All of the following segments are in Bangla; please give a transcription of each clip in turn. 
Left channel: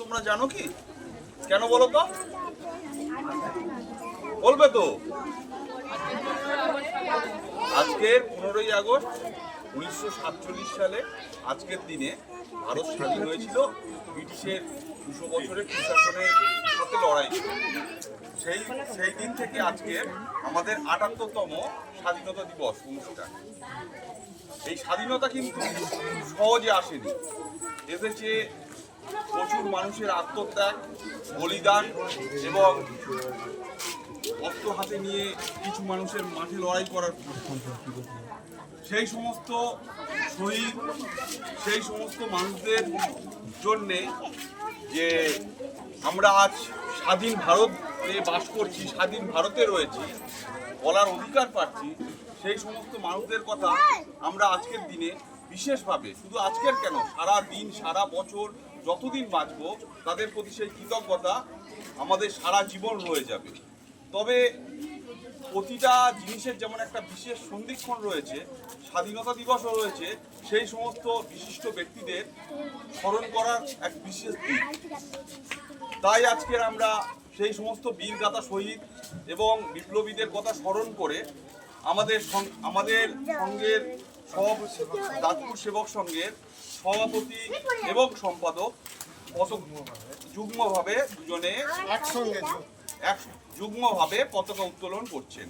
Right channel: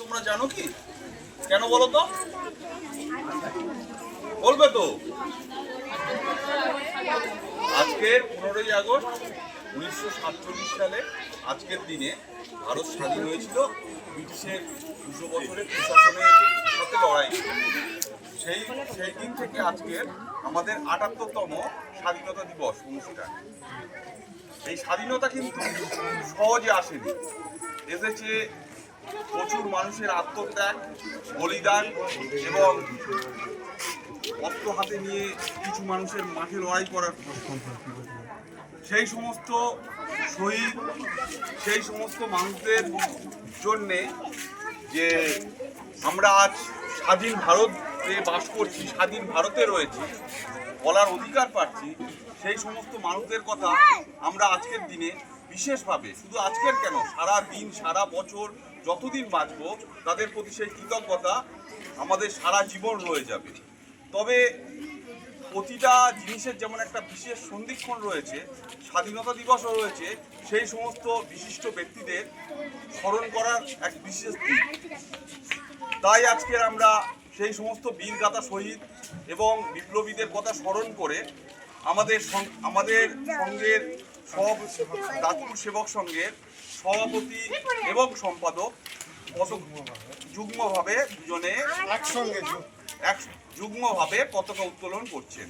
তোমরা জানো কি? কেন বলো তো? বলবে তো? আজকের পনেরোই আগস্ট উনিশশো সাতচল্লিশ সালে আজকের দিনে ভারত স্বাধীন হয়েছিল ব্রিটিশের দুশো বছরের প্রশাসনের সাথে লড়াই। সেই সেই দিন থেকে আজকের আমাদের আটাত্তরতম স্বাধীনতা দিবস অনুষ্ঠান এই স্বাধীনতা কিন্তু সহজে আসেনি। এসেছে প্রচুর মানুষের আত্মত্যাগ, বলিদান এবং অস্ত্র হাতে নিয়ে কিছু মানুষের মাঠে লড়াই করার সেই সমস্ত শহীদ, সেই সমস্ত মানুষদের জন্যে যে আমরা আজ স্বাধীন ভারতে বাস করছি, স্বাধীন ভারতে রয়েছি, বলার অধিকার পাচ্ছি, সেই সমস্ত মানুষদের কথা আমরা আজকের দিনে বিশেষভাবে, শুধু আজকের কেন, সারা দিন, সারা বছর যতদিন বাঁচবো, তাদের প্রতি সেই কৃতজ্ঞতা আমাদের সারা জীবন রয়ে যাবে। তবে প্রতিটা জিনিসের যেমন একটা বিশেষ সন্ধিক্ষণ রয়েছে, স্বাধীনতা দিবসও রয়েছে, সেই সমস্ত বিশিষ্ট ব্যক্তিদের স্মরণ করার এক বিশেষ দিন। তাই আজকের আমরা সেই সমস্ত বীরগাথা শহীদ এবং বিপ্লবীদের কথা স্মরণ করে আমাদের আমাদের সঙ্গের সব দাঁতপুর সেবক সংঘের সভাপতি এবং সম্পাদক যুগ্মভাবে দুজনে একসঙ্গে এক যুগ্মভাবে পতাকা উত্তোলন করছেন।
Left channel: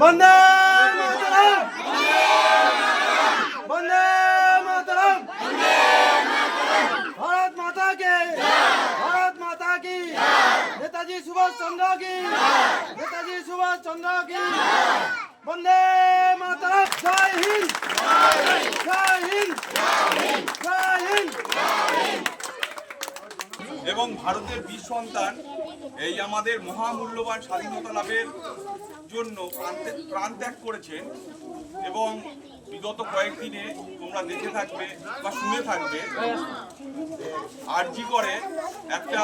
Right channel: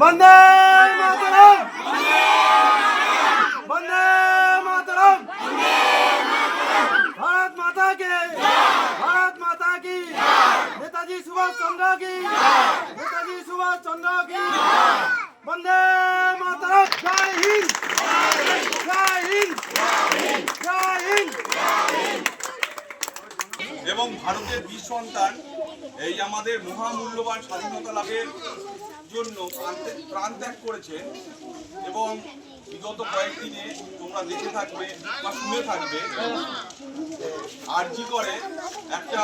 বন্দে মাতরম বন্দে মাতরম ভারত মাতা কে ভারত মাতা কি নেতাজি সুভাষ চন্দ্র কি? নেতাজি সুভাষ চন্দ্র কি? বন্দে মাতা জয় হিন্দ। জয় হিন্দ। জয় হিন্দ। এবং ভারতের বীর সন্তান, এই আমাদের মহামূল্যবান স্বাধীনতা লাভের জন্য প্রাণ- ত্যাগ করেছেন এবং বিগত কয়েকদিনে তোমরা দেখে থাকবে বা শুনে থাকবে আরজি করে একটা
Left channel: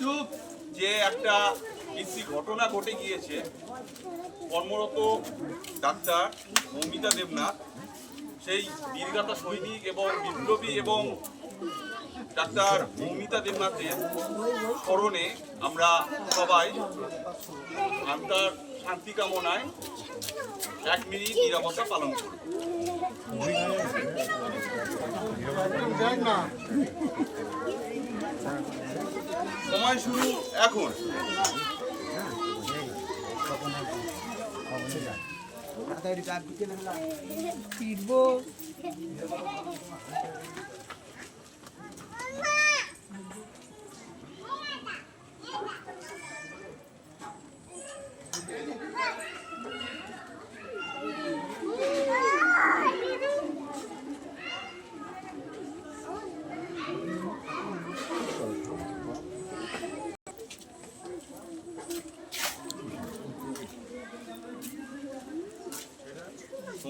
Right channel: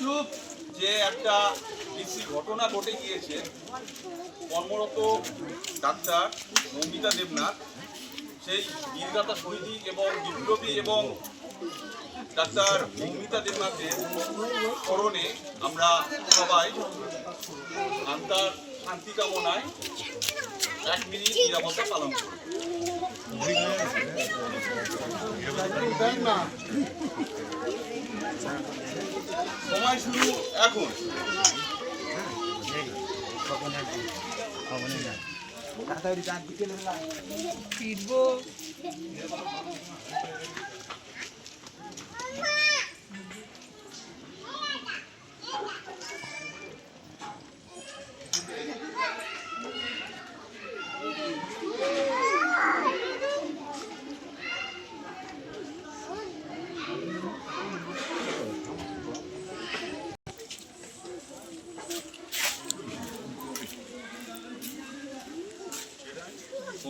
চুপ। যে একটা বিশ্রী ঘটনা ঘটে গিয়েছে, কর্মরত ডাক্তার মৌমিতা দেবনাথ। সেই বীরগাথা সৈনিক এবং বিপ্লবী এবং ডাক্তার মৌমিতা দেবনাথের স্মরণে আমরা সবাই আন্তার শান্তি কামনায় এক মিনিট নিরাপত্তা পালন করি। সময় শুরু এখন। সময় শেষ জনগণ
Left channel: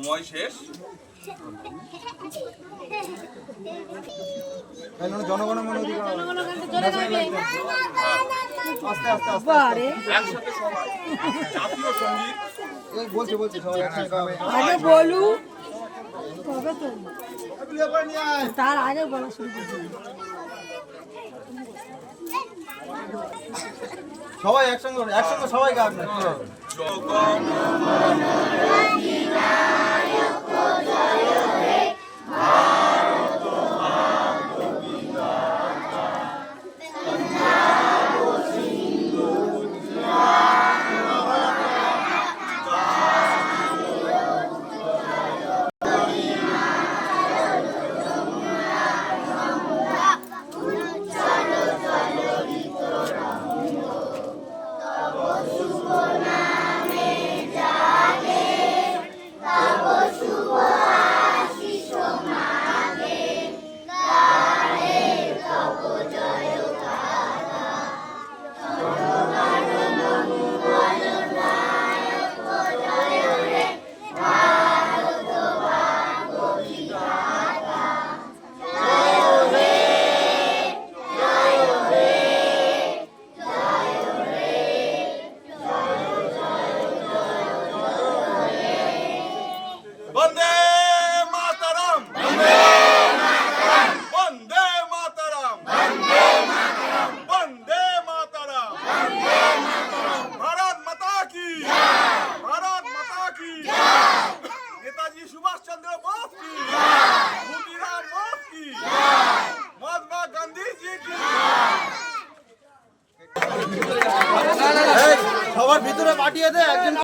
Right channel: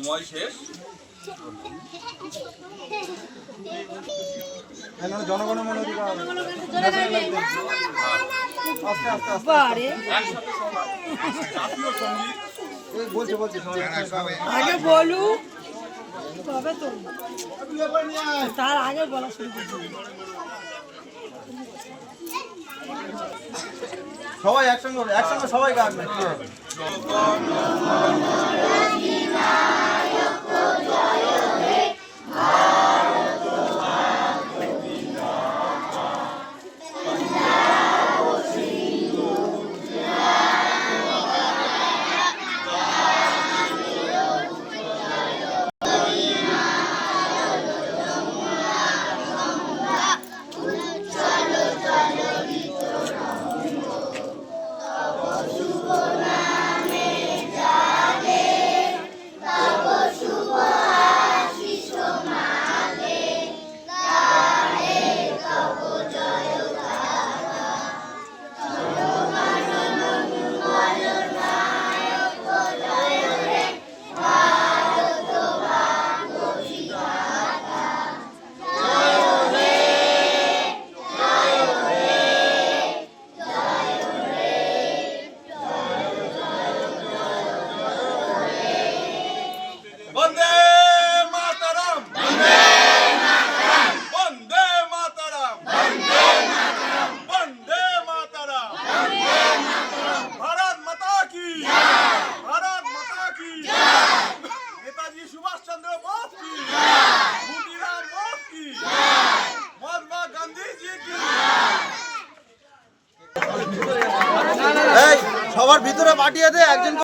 একসঙ্গে গাবে। আগে বলু। তবে তো। তার আগে বলা শুরু করতে সবাই একসঙ্গে একসঙ্গে সবাই গাবে পাঠিয়ে দে একদিন